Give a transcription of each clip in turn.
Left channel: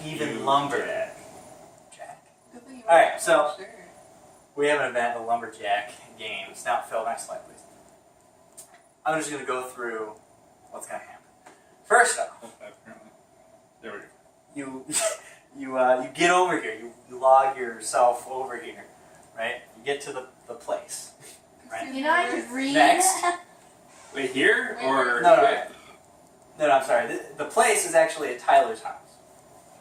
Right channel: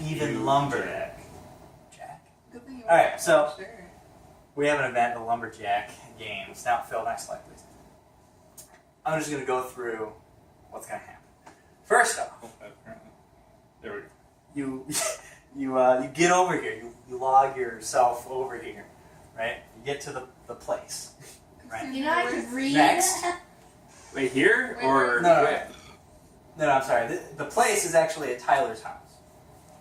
even Lumberjack. Good thing you All right, so sure. we have an event, the Lumberjack games. Now, Phil, next slide, please. I'm just going to go through what's going to happen. First off, There we go. you get over here. You log yourself over here, right? You get to the place, right? You know I can read. Next. Wait, here or No, I'm sorry. The place is actually at Tyler's house.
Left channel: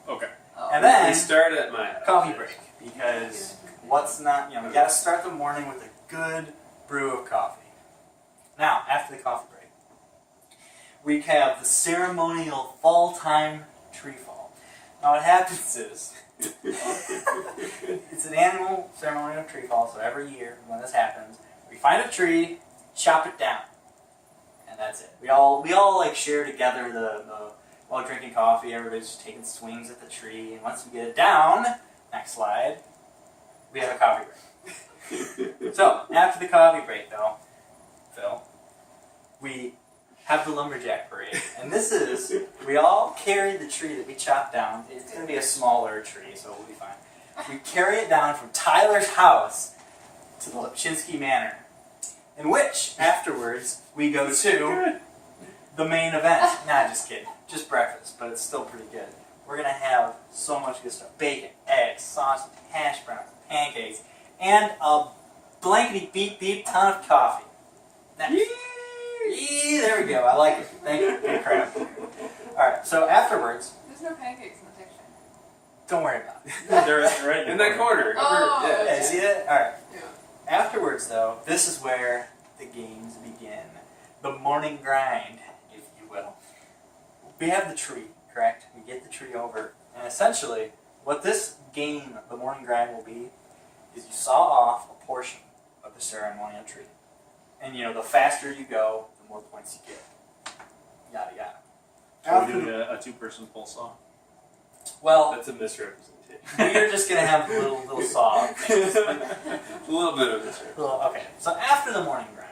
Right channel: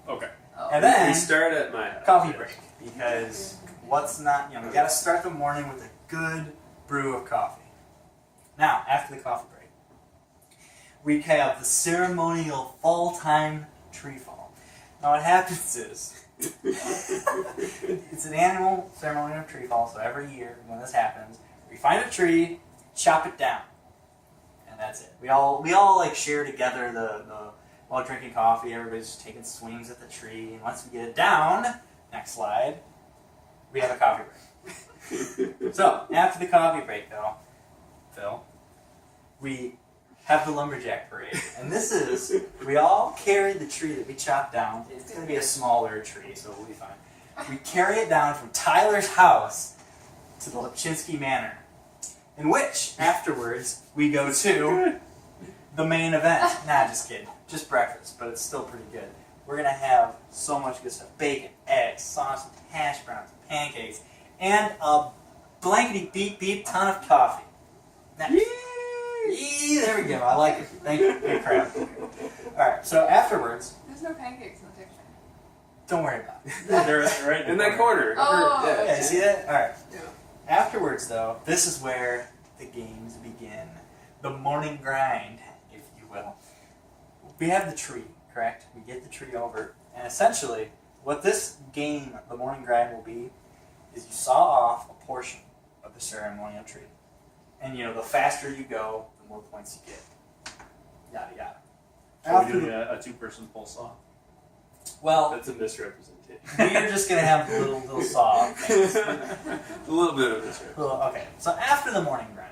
Okay. Oh. And then We start at my house. coffee break, because what's not, we got to start the morning with a good brew of coffee. Now, after the coffee break, we have the ceremonial fall time tree fall. Now, what happens is, it's an annual ceremonial tree fall, so every year when this happens, we find a tree, chop it down, and that's it. We all like share together while drinking coffee. Everybody's just taking swings at the tree, and once we get it down, next slide, we have a coffee break. So after the coffee break, though, Phil, we have the Lumberjack parade, and this is, we all carry the tree that we chopped down. It's going to be a smaller tree, so we'll be fine. We carry it down from Tyler's house to the Lipchinsky Manor, in which, afterwards, we go to the main event. Nah, just kidding. Just breakfast, but it's still pretty good. We're going to have so much good stuff. Bacon, eggs, sausage, hash browns, pancakes, and a blankety-beep-beep ton of coffee. Next. Yee, there we go. I like it. Thank you. Good crap. Alright, so afterwards, There's no pancakes in the picture. don't worry about it. They're right in that corner. Oh. Yeah, you see that? Alright. Yeah. Afterwards, though, this is where the games begin. The morning grind, if you will. We have the tree, correct? We get the tree over. And essentially, what this game, the morning grind, will be, is you saw off a portion of the ceremonial tree. And, the faster you go, the more points you get. Yada, yada. Are we After doing a two-person pole saw? well, That's a misrepresentation. we're just going to have little saw things. A little bit of misrepresentation. Okay, so after the morning grind,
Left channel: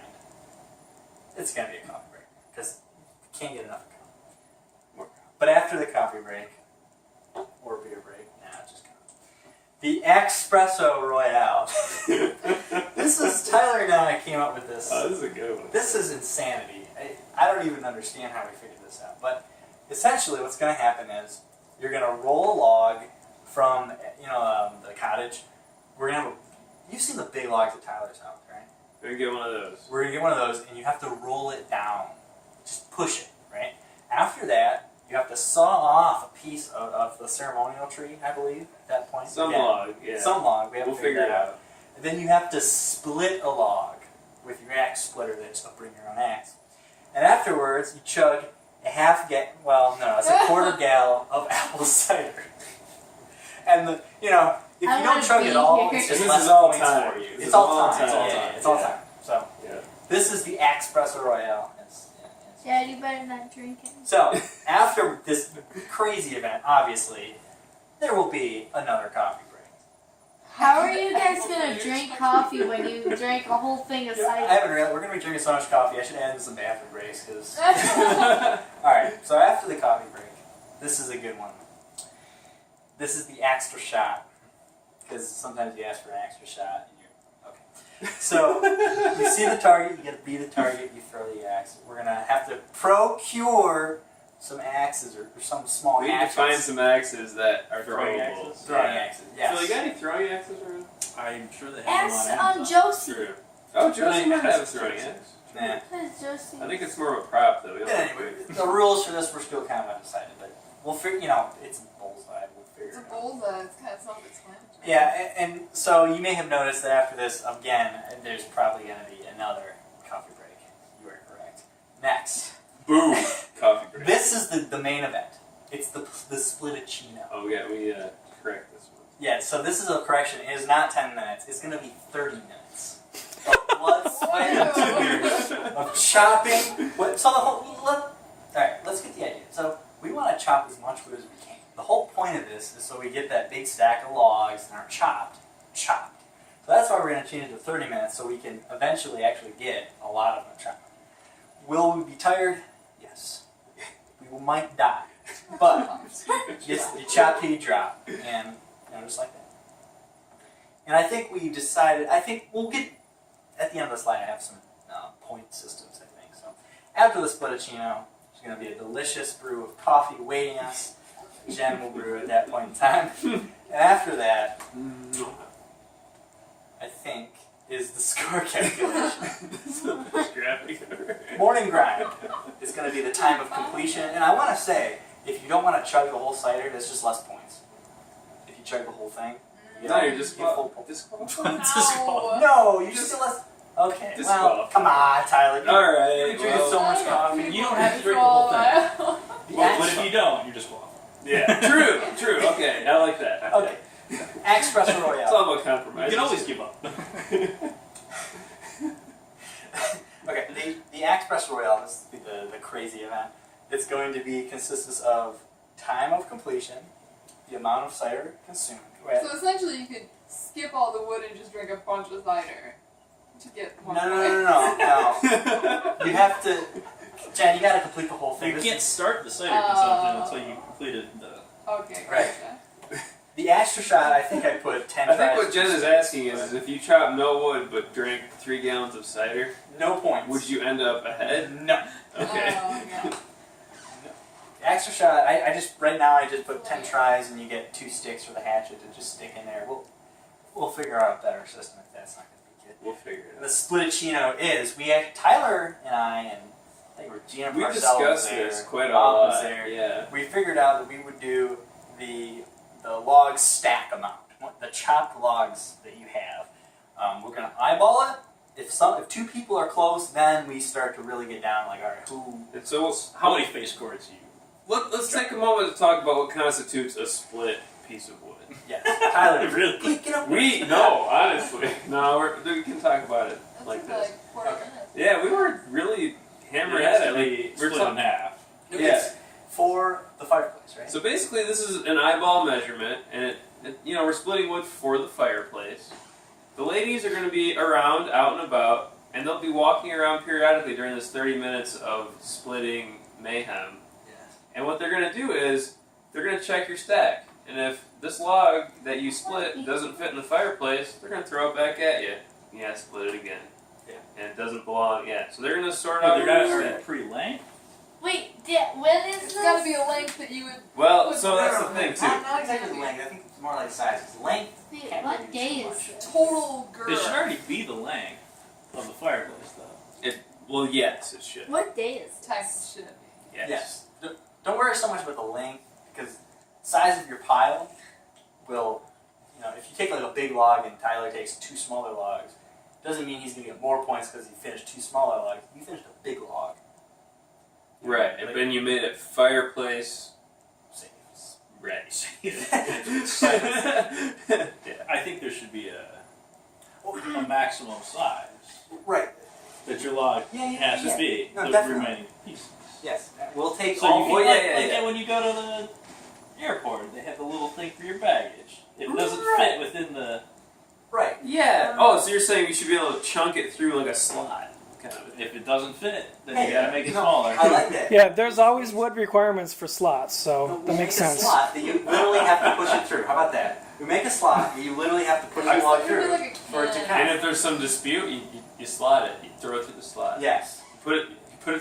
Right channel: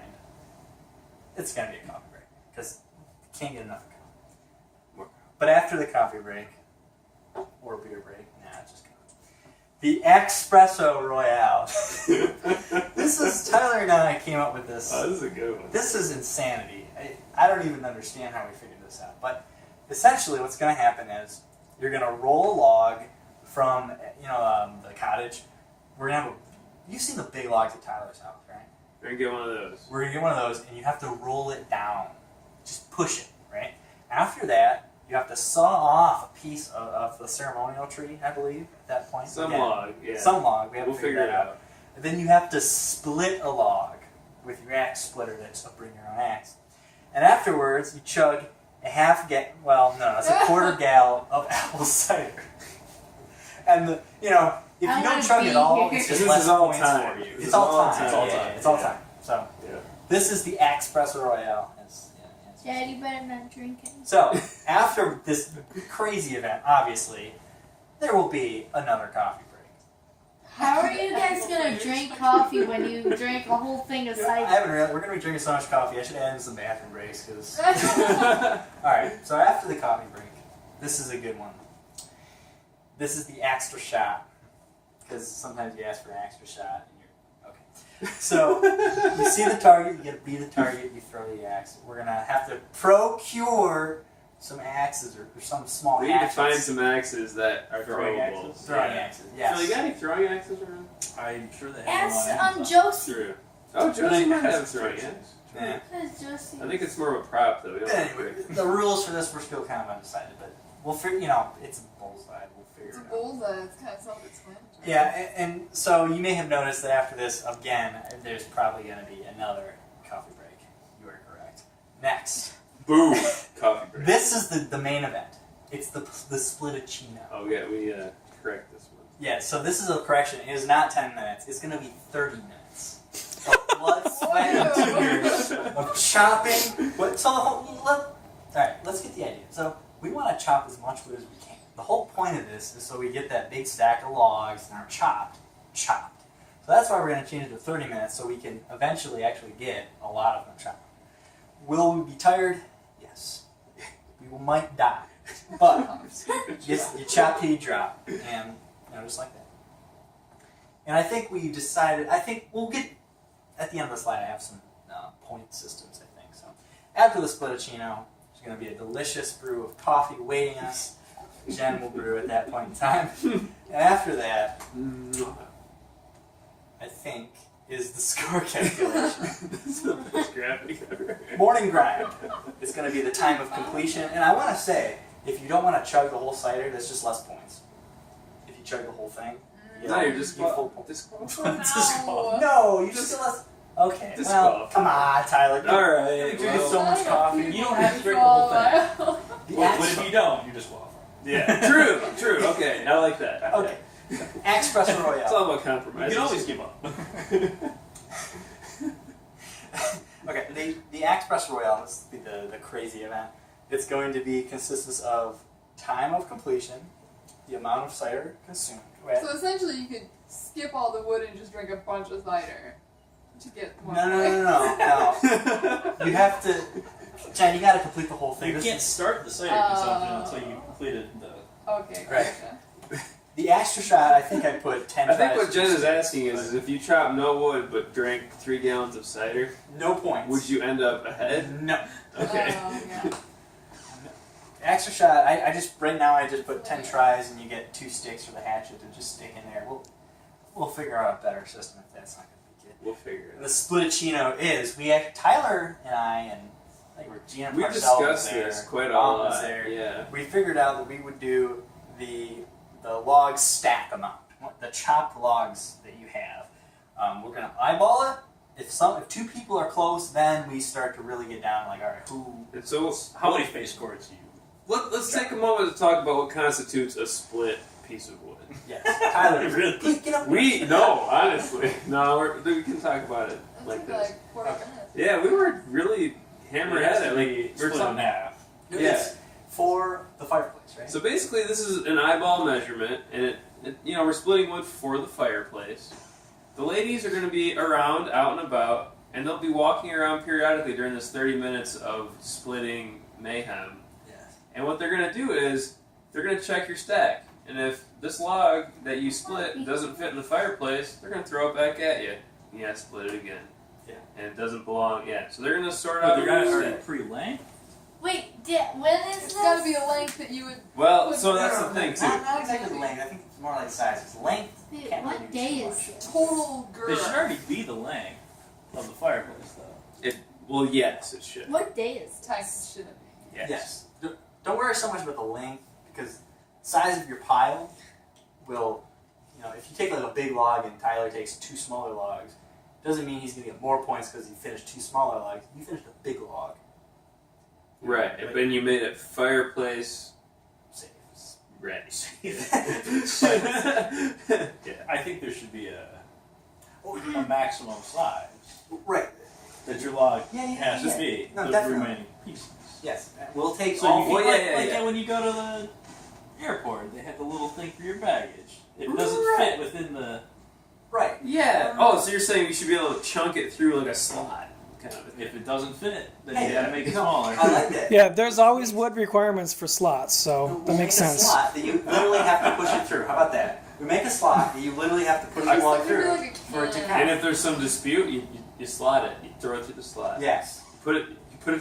it's going to be a coffee break, because you can't get enough of coffee. More. But after the coffee break, or beer break, just coffee. The Espresso Royale. This is, Tyler and I came up with this. Oh, this is a good one. This is insanity. I don't even understand how we figured this out. But essentially what's going to happen is you're going to roll a log from the cottage. We're going to have you've seen the big logs at Tyler's house, right? We're going to get one of those. We're going to get one of those, and you have to roll it down. Just push it, right? After that, you have to saw off a piece of the ceremonial tree, I believe, at that point. Some Again, log, yeah. Some log. We have We'll to figure figure that out. And then you have to split a log with your axe splitter. That's a bring your own axe. And afterwards, you chug a it's a quarter gallon of apple cider. And if you don't chug it all, it's just This less is all points time. for you. This It's is all all time. time. Yeah, it's all Yeah. time. So Yeah. this is the Espresso Royale. Dad, you better not drink it. So after this crazy event, obviously, there will be another coffee break. How are you guys gonna drink coffee when you drink a whole thing of I cider? haven't realized we're going to be drinking so much coffee. I should add in some bathroom breaks because. Alright, so after the coffee break, this is a good one. This is the extra shot. Because sometimes you ask for an extra shot and you're. Okay. So, you see the target, you get to be the target, you throw the axe. We're going to have to procure some axes or some small We need to hatchets. find some axes that are Throwing throwable. axes. Throwing axes, yes. So you got any throwing axes around? I'm sure they have Ask them on Amazon. Josie. True. Oh, Josie might have a throwing axe. Nah. Where's Josie? I think it's more of a prop, though. We don't have to Anyway, pick. the rules for this we're still kind of undecided, but we'll figure. It's a bullseye. We'll figure It's a it out. bullseye. It's kind of self-explanatory. Yeah, and so you may have noticed that after this, again, there's probably going to be another coffee break. You are correct. Next, Boom! Coffee break. this is the main event. It's the spliticino. Oh, yeah, we need to correct this one. Yeah, so this is a correction. It is not 10 minutes. It's going to be 30 minutes. Of blood, sweat, and tears of chopping. Alright, let's get the idea. So we want to chop as much wood as we can. The whole point of this is so we get that big stack of logs and are chopped. So that's why we're going to change it to 30 minutes so we can eventually actually get a lot of them chopped. Will we be tired? Yes. We might die. But you chop till you drop, and just like that. And I think we decided. I think we'll get at the end of the slide. I have some point systems. I think so. After the Splittuccino, there's going to be a delicious brew of coffee waiting us. Jen will brew at that point in time. And after that, I think, is the score calculation. This is the best graphic ever. Morning grind is going to be the time of completion. And I want to say, if you don't want to chug the whole cider, that's just less points. If you chug the whole thing, No, you're just full points. disqualified. No, you just get less. Okay, well, Disqualified. come on, Tyler. All right. You drink so much coffee. You don't have to drink the whole thing. Oh, The But Axe- if you don't, you're just waffling. Yeah, true. Okay, I like that. Okay. Espresso It's Royale. all about compromise. You can always give up. Okay, the Espresso Royale, this will be the crazy event. It's going to be consists of time of completion, the amount of cider consumed. So essentially, you could skip all the wood and just drink a bunch of cider to get more. No. You have to, Jen, you got to complete the whole thing. You This can't is- start the cider consumption until you completed the... Okay, Right. gotcha. The extra shot, I think I put 10 I think tries what Jen is asking is if you chop no wood but drank 3 gallons of cider, no points. would you end up ahead? No. Okay. Oh, yeah. Extra shot, I just, right now I just put 10 tries and you get 2 sticks for the hatchet to just stick in there. We'll figure out a better system if that's not going to be good. We'll figure it The out. Splittuccino is, we had Tyler and I and I think Gina We Parcell was discussed there, this quite a Bob was lot. there. Yeah. We figured out that we would do the log stack amount, the chopped logs that you have. We're going to eyeball it. If 2 people are close, then we start to really get down like, all right, who... And so How many face cords do you... let's take a moment to talk about what constitutes a split piece of wood. Yes, Tyler, Really? please get up. No, honestly. No, we can talk about it That's like this. like 40 Okay. minutes. Yeah, we were really hammering It has at it. to Like, be we're split in talking. half. It's for the fireplace, right? So basically, this is an eyeball measurement, and we're splitting wood for the fireplace. The ladies are going to be around, out and about, and they'll be walking around periodically during this 30 minutes of splitting mayhem. Yes. And what they're going to do is they're going to check your stack, and if this log that you split doesn't fit in the fireplace, they're going to throw it back at you. You have to split it again. Yeah. And it doesn't belong. Yeah. So they're going to sort But out they're your not stack. already pre-length. Wait, when is It's this? got to be a length that you would. Well, so that's the thing too. Not exactly the length. I think it's more like size. It's length. Wait, Can't what really do day too is much. it? Total girth. It should already be the length of the fireplace, though. Well, yes, it should. What day is it? Text should it be? Yes. Don't worry so much about the length because size of your pile will, if you take like a big log and Tyler takes 2 smaller logs, doesn't mean he's going to get more points because he finished 2 smaller logs. You finished a big log. Right, and then you made it fireplace Safe. ready. I think there should be a maximum size Right. that your log Yeah, has to be. No, the definitely. remaining pieces. Yes. We'll take So all. you can, yeah, like yeah. when you go to the airport, they have the little thing for your baggage. If it doesn't Right. fit within the... Right. Yeah. Oh, so you're saying you should be able to chunk it through like a slot, kind of. If it doesn't fit, then Hey, you gotta make it no, smaller. I like that. Yeah, there's always wood requirements for slots, so We'll that makes make a sense. slot that you literally have to push it through. How about that? We make a slot that you literally have to push the log It's through like a for it to can. count. And if there's some dispute, you slot it. You throw it through the slot. Yes. You put it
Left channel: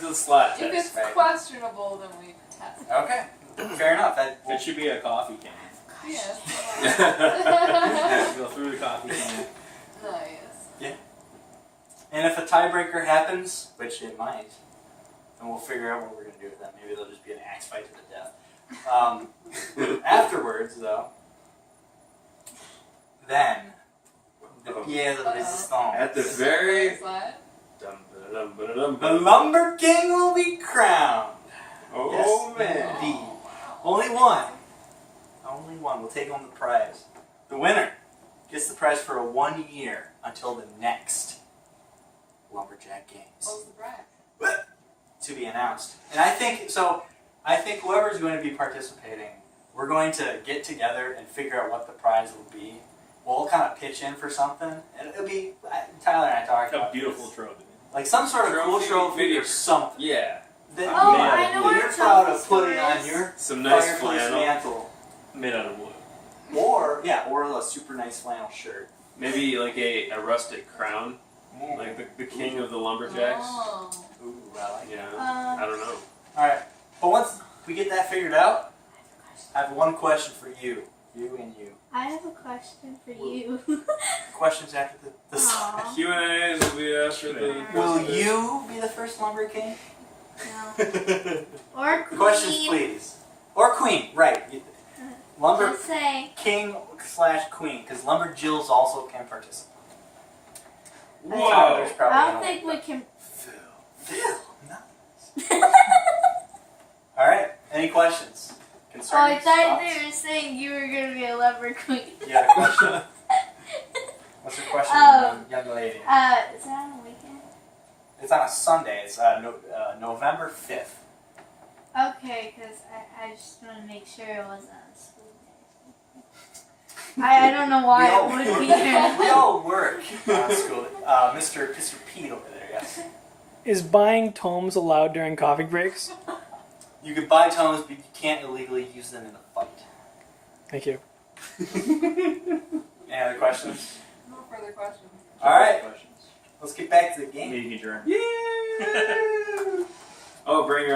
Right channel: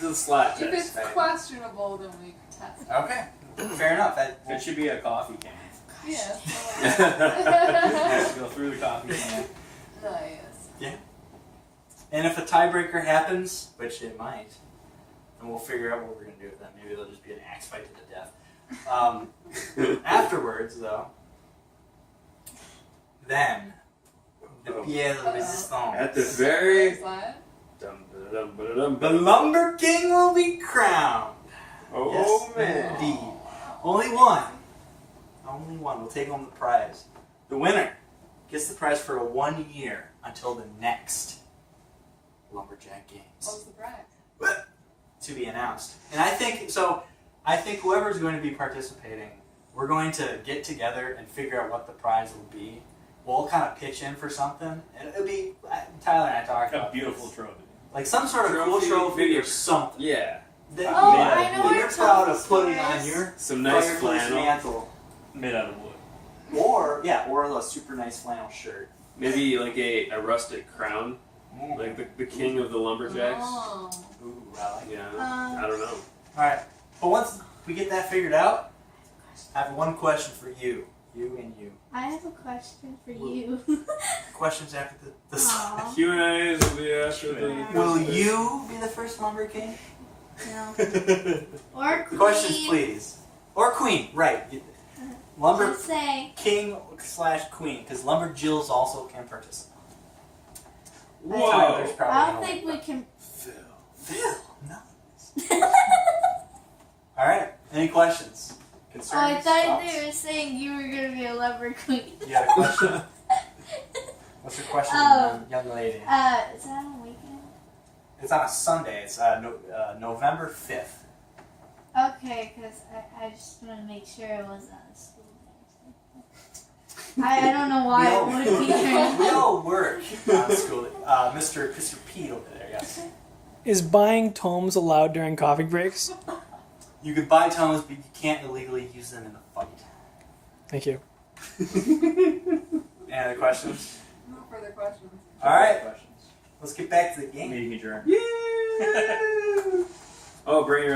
to the slot If test. it's Right. questionable, then we test. Okay. Fair enough. That. It should be a coffee can. Yes. Go through the coffee can. Nice. And if a tiebreaker happens, which it might, then we'll figure out what we're going to do with that. Maybe there'll just be an axe fight to the death. Afterwards, though, then the pièce de résistance. At the very. Slide. The Lumber King will be crowned. Oh Yes, man. indeed. Only one. Only one will take home the prize. The winner gets the prize for 1 year until the next Lumberjack Games. What was the brag? To be announced. And I think whoever's going to be participating, we're going to get together and figure out what the prize will be. We'll kind of pitch in for something, and it'll be Tyler and I talked A about beautiful this. trophy. Like some sort of cool trophy or something. Yeah. that Oh, Man, I know where you're proud of Tommy's putting store on is. your Some nice fireplace flannel. mantle. Made out of wood. Or a super nice flannel shirt. Maybe like a rustic crown, Ooh. like the king of the lumberjacks. Oh. Ooh, I like it. Yeah, I don't know. Alright, but once we get that figured out, I have one question for you. You and you. I have a question for you. Questions after the Aw. Q&As will be after the. Will you be the first lumber king? No. Or queen. Questions, please. Or queen, right. Lumber Just say. king/queen, because lumber jills also can participate. Whoa! Tyler's probably I gonna don't think win. we can. Phil, nice. Alright, any questions? Oh, I Concerns? thought thoughts? they were saying you were gonna be a lumber queen. You got a question? What's your question, young lady? Is that on a weekend? It's on a Sunday. It's November 5th. Okay, because I just want to make sure it wasn't on a school day. I don't know why it would be here. We all work on school. Mr. Pete over there, yes. Is buying tomes allowed during coffee breaks? You can buy tomes, but you can't illegally use them in a fight. Thank you. Any other questions? No further questions. Alright, Questions. let's get back to the game. Meeting adjourned. Yeah! Oh, bring your